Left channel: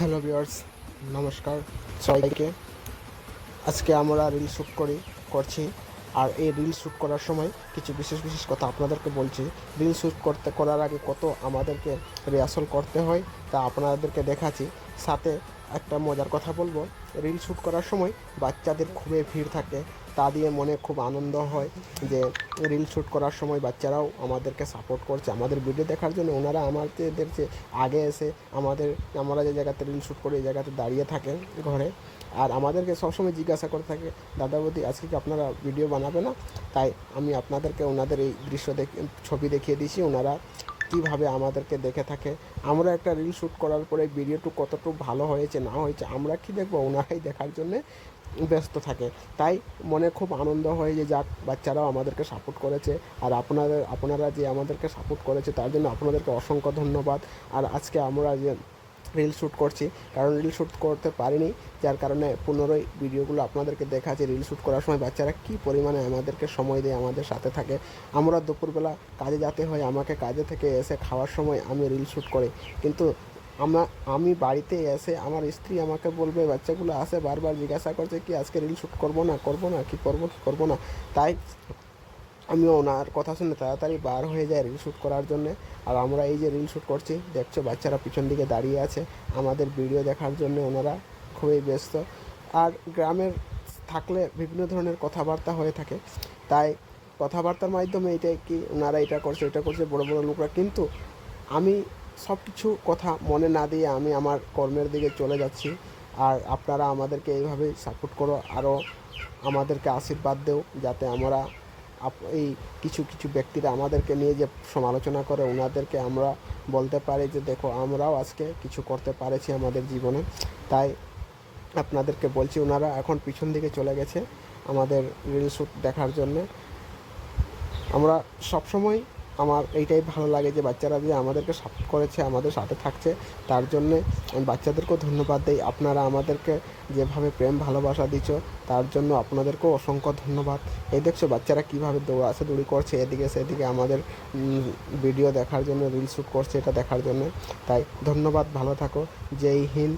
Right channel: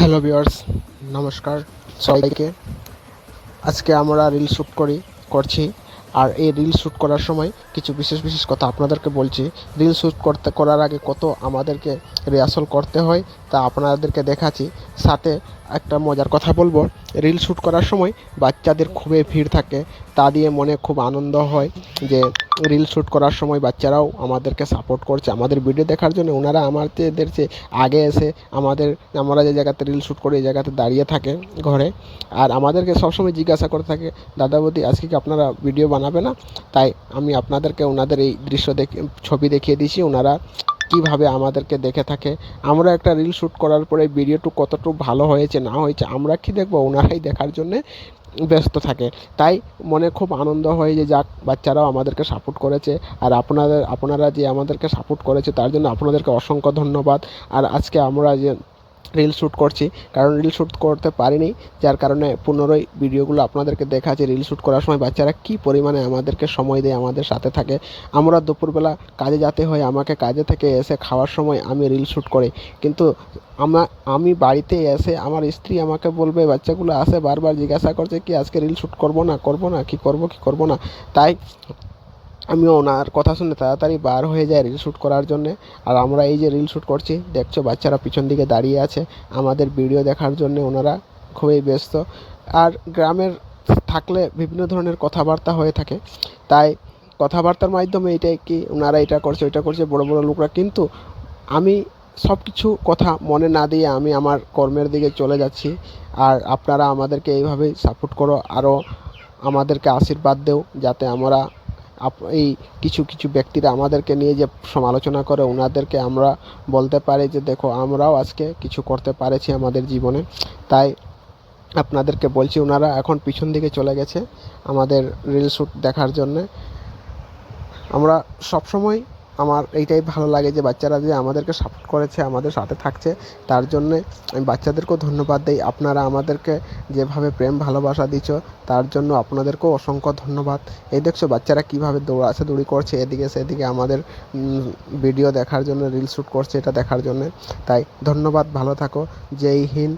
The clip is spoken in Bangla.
হ্যালো ভিউয়ার্স, নমস্কার সবাইকে। আজকে আমরা রিল শ্যুট করছি। আর এই রিল শ্যুট করার সময় কিছু বিশেষ বিশেষ কথা আপনাদেরকে বলছি। রিল শ্যুট করার আগে কত আমাদেরকে রিহার্সাল করতে হয় তা আপনাদেরকে দেখাচ্ছি। সাথে একটা মজার কথা বলবো, রিল শ্যুট করার সময় বাচ্চাদের খুবই ভিড় থাকে, তা দিয়ে মনে খুব আনন্দ হয় যে রিল শ্যুট করার সময় বাচ্চারাও আমাদেরকে সাপোর্ট করছে আমাদের ভিডিও দেখার জন্য। ওনারা আমাদের যে আগে এসে আমরা যে জায়গাতে রিল শ্যুট করি এই জায়গাতে দাঁড়িয়ে থাকে ঘরে, আর আমাদেরকে সবসময় জিজ্ঞাসা করে থাকে, দাদা বৌদি আজকে কি আপনারা ভিডিও বানাবে না? তাই আমি আপনাদেরকে ওনাদের এই ছবি দেখিয়ে দিয়েছি, ওনারা কীভাবে আমাদেরকে দেখে থাকে। আমরা একটা রিল শ্যুট করার পরে ভিডিওটু কতটুকু ভালো হয়েছে না হয়েছে আমরা কি দেখবো, ওনারাই দেখার জন্যে ব্যস্ত থাকে। তাই মনে খুব আনন্দ হয় যে যাক, বাচ্চারাও আমাদেরকে সাপোর্ট করেছে। আর আপনারা যে আমাদেরকে সাপোর্ট করেছে তার জন্য আপনাদেরকে অসংখ্য ধন্যবাদ। আর আজকে আমরা যে রিল শ্যুট করছি, কারণ রিল শ্যুট করতে পারিনি, যার কারণে পুনরায় ভিডিওগুলো আপনাদেরকে দেখাচ্ছি। রিল শ্যুট করার সময় বাচ্চারা কী পরিমাণে আমাদেরকে সময় দেয়, আমাদের সাথে থাকে। আমরা দুপুরবেলা কাজে যেতে হয়, আমাকে কাজে থেকে এসে খাওয়ার সময় আমি রিল শ্যুট করি, কিন্তু আমি বাড়িতে এসে আমার স্ত্রী আমাকে বলবে, বাচ্চাগুলো আসে বারবার জিজ্ঞাসা করছে কি আজকে রিল শ্যুট করবো না কি করবো না। তাই আমিও ওনার কথা শুনে তাড়াতাড়ি বার হয়ে যায় রিল শ্যুট করার জন্যে। আর আমরা এই যে রিল শ্যুট করছি দেখছো, বাচ্চারা পিছন দিকে দাঁড়িয়ে আছে আমাদের ভিডিও দেখার জন্যে, ওনারা খুবই ব্যস্ত। আর গ্রামের থাকলে বিভিন্ন ধরনের কথাবার্তা হয়ে থাকে, তাই কথাবার্তার মাধ্যমে এটাই কি ওনারা এটা করছে ওইটা করছে বড় বড় লোকরা, কিন্তু আমি সব কিছু কথা মনে না দিয়ে আমি আমার কর্মের দিকে চলে যাচ্ছি। আর আপনারা আমাদেরকে এইভাবেই সাপোর্ট করো, আরও আমাদেরকে আশীর্বাদ দেও, যাতে আমরা এই কিছু কিছু ব্যক্তিরা আমাদেরকে নিয়ে যে সমালোচনা করে ওনাদেরকে আমরা বলতে পারি যে দেখো আমরাও আজকে কিছু করতে পেরেছি আমাদের জীবনে। তাই আপনাদেরকে বলছি, ওনারা এখন পিছন দিকে চলে গেছে আমাদের রিল শ্যুট দেখার জন্যে। আমরা সবসময় আমার এইটাই ভালো লাগে যে বাচ্চারা যে আমাদেরকে সাপোর্ট করেছে, আমাদের সাথে থাকছে, তার জন্যে আমি বাচ্চাদেরকেও ধন্যবাদ দিই। আপনারা আমাদেরকে যেভাবে প্রেম ভালোবাসা দিচ্ছ তার জন্য আপনাদেরকেও অসংখ্য ধন্যবাদ। এই দেখছো বাচ্চারা কীভাবে দৌড়ি করছে এদিকে সেদিকে আমাদের ভিডিও দেখার জন্য, রিল শ্যুট করছে এটা দেখার জন্য। তাই ধন্যবাদ, ভালো থাকো, জয় হিন্দ।